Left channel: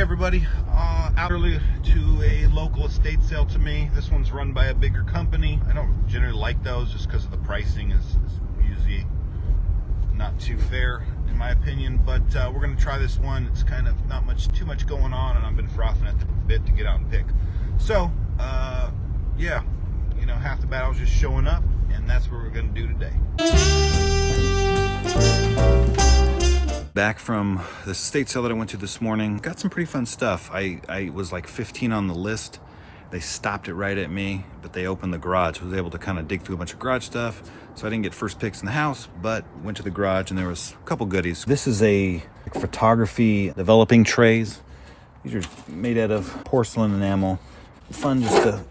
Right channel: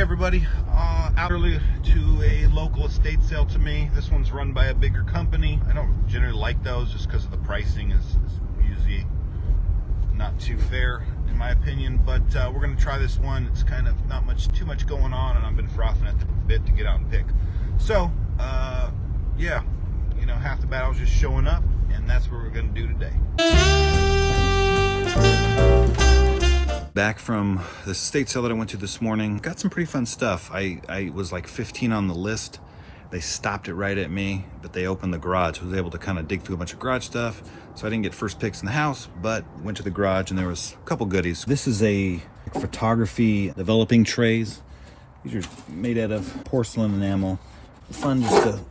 everybody, out early to a local estate sale to me. This one's run by a bigger company. I don't generally like those just because of the pricing is usually not too fair in my opinion, but we're going to try this one. It's kind of not too much going on, and I've been frothing at the bit to get out and pick. So yeah, you know, half the battle is just showing up, and that's what we're going to do today. Back from the estate sale that I went to this morning, got some pretty fun stuff. I was like 15 on the list. They stopped it right at me, but they opened the garage. I was able to kind of dig through a bunch of garage stuff, so I didn't get first picks in the house, but went to the garage and there was a couple goodies. This is a photography developing trays. These are made out of porcelain enamel. Fun just to,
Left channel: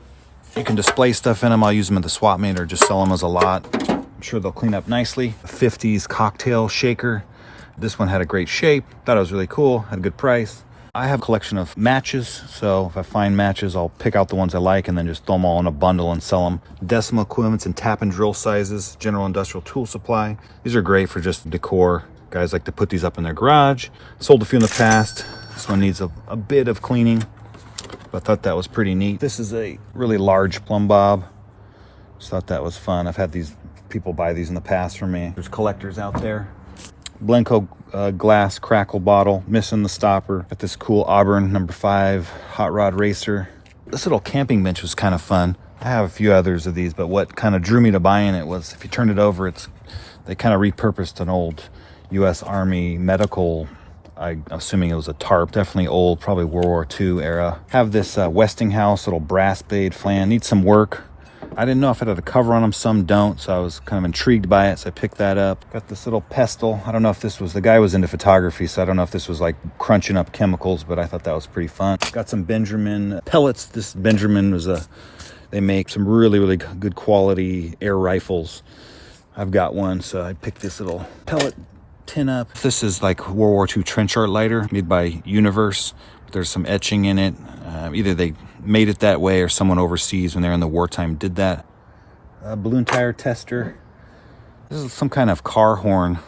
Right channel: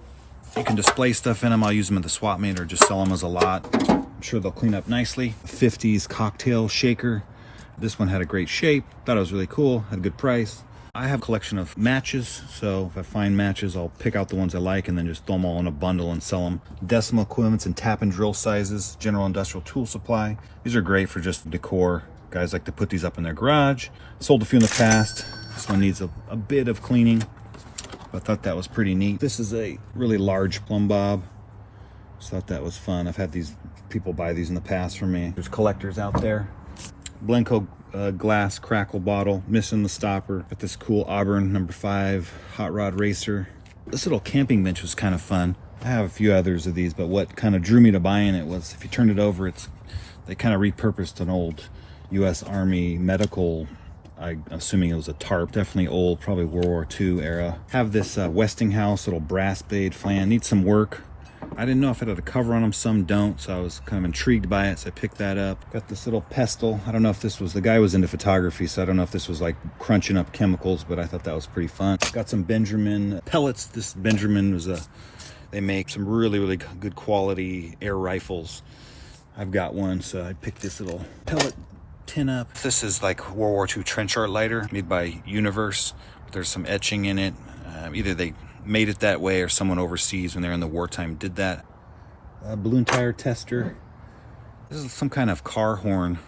you can display stuff in them. I'll use them at the swap meet or just sell them as a lot. I'm sure they'll clean up nicely. A 50s cocktail shaker. This one had a great shape. Thought it was really cool. Had a good price. I have a collection of matches, so if I find matches, I'll pick out the ones I like and then just throw them all in a bundle and sell them. Decimal equivalents and tap and drill sizes. General industrial tool supply. These are great for just decor. Guys like to put these up in their garage. Sold a few in the past. This one needs a bit of cleaning, but I thought that was pretty neat. This is a really large plumb bob. Just thought that was fun. I've had these people buy these in the past for me. There's collectors out there. Blenko glass crackle bottle, missing the stopper. Got this cool Auburn number 5 hot rod racer. This little camping bench was kind of fun. I have a few others of these, but what kind of drew me to buying it was if you turned it over, they kind of repurposed an old U.S. Army medical, I'm assuming it was a tarp, definitely old, probably World War II era. Have this Westinghouse little brass blade flan, needs some work. I didn't know if it had a cover on them, some don't, so I was kind of intrigued by it, so I picked that up. Got this little pestle. I don't know if this was, the guy was into photography, so I don't know if this was like crunching up chemicals, but I thought that was pretty fun. Got some Benjamin pellets. This Benjamin was they make some really good quality air rifles. I've got one, so I picked this little pellet tin up. This is like World War II trench art lighter made by Universe. There's some etching in it. Either they made it that way or someone overseas when they're in the wartime did that. Balloon tire tester. This is some kind of car horn.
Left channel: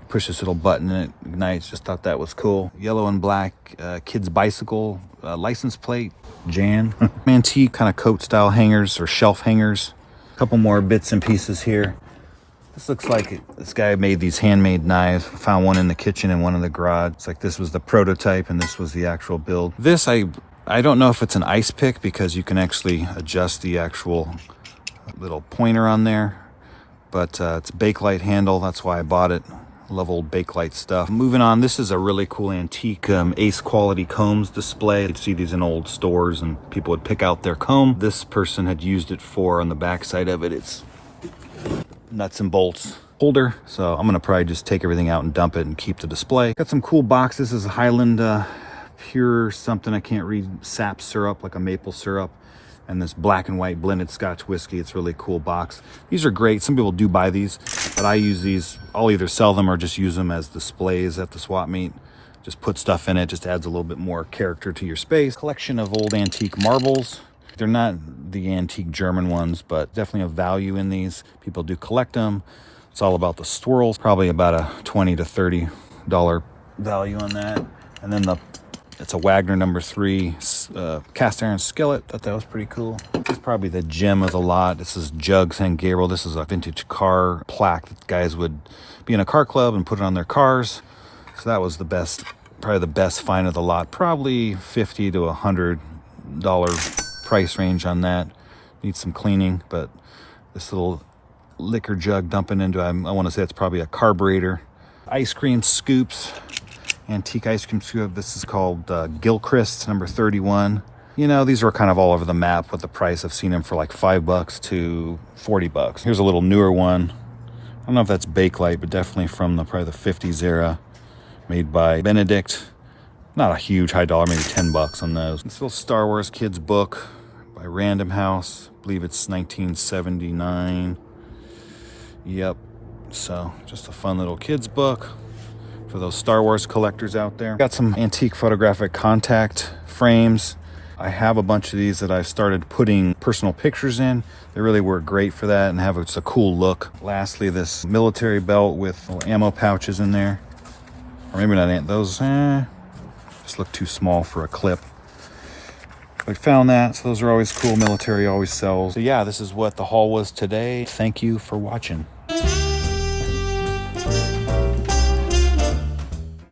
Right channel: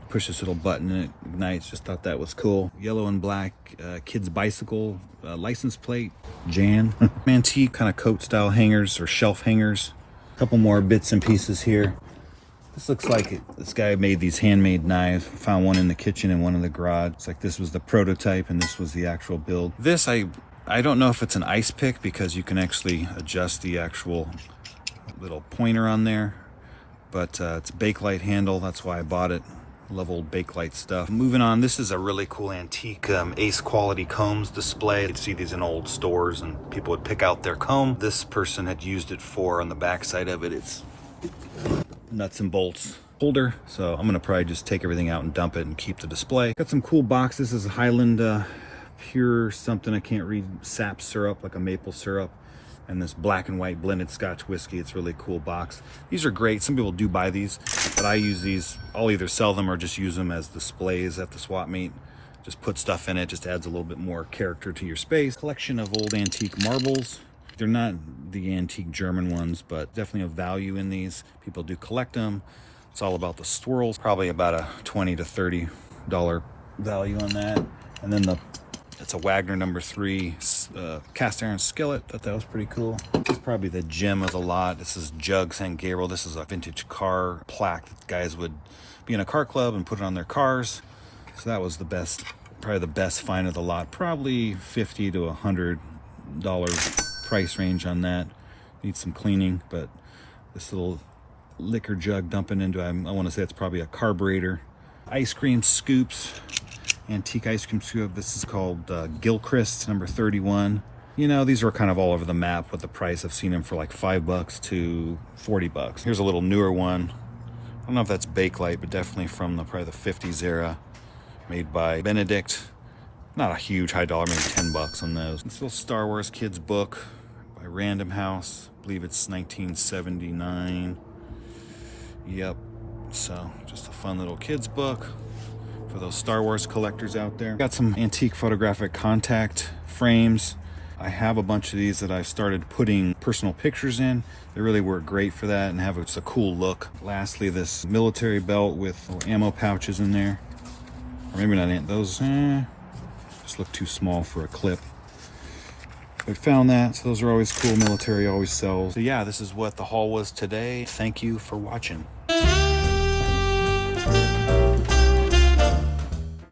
You push this little button and it ignites. Just thought that was cool. Yellow and black kids bicycle license plate. Jan. Antique kind of coat style hangers or shelf hangers. A couple more bits and pieces here. This looks like this guy made these handmade knives. Found one in the kitchen and one in the garage. It's like this was the prototype and this was the actual build. This I don't know if it's an ice pick because you can actually adjust the actual little pointer on there, but it's a Bakelite handle. That's why I bought it. Love old Bakelite stuff. Moving on, this is a really cool antique Ace quality combs display. You'd see these in old stores and people would pick out their comb. This person had used it for, on the back side of it, it's nuts and bolts holder, so I'm gonna probably just take everything out and dump it and keep the display. Got some cool boxes. This is a Highland pure something I can't read, sap syrup, like a maple syrup, and this black and white blended Scotch whiskey. It's a really cool box. These are great. Some people do buy these, but I use these. I'll either sell them or just use them as displays at the swap meet. Just put stuff in it, just adds a little bit more character to your space. Collection of old antique marbles. They're not the antique German ones, but definitely a value in these. People do collect them. It's all about the swirls. Probably about a $20 to $30 value on that. And then it's a Wagner number 3 cast iron skillet. Thought that was pretty cool. This is probably the gem of the lot. This is Jugs and Gabriel. This is a vintage car plaque that guys would be in a car club and put it on their cars. So that was the best, probably the best find of the lot. Probably $50 to $100 price range on that. Needs some cleaning, but this little liquor jug dumping into, I want to say it's probably a carburetor. Ice cream scoops. Antique ice cream scoop. This is called Gilchrist number 31. You know, these are kind of all over the map with the price. I've seen them for like $5 to $40. Here's a little newer one. I don't know if that's Bakelite, but definitely from probably the 50s era, made by Benedict. Not a huge high dollar, maybe $10 on those. This little Star Wars kids book by Random House. I believe it's 1979. Yep. So just a fun little kids book for those Star Wars collectors out there. Got some antique photographic contact frames. I have a bunch of these that I started putting personal pictures in. They really work great for that and have a cool look. Lastly, this military belt with ammo pouches in there. Or maybe not those. Just look too small for a clip. I found that, so those are always cool. Military always sells. So yeah, this is what the haul was today. Thank you for watching.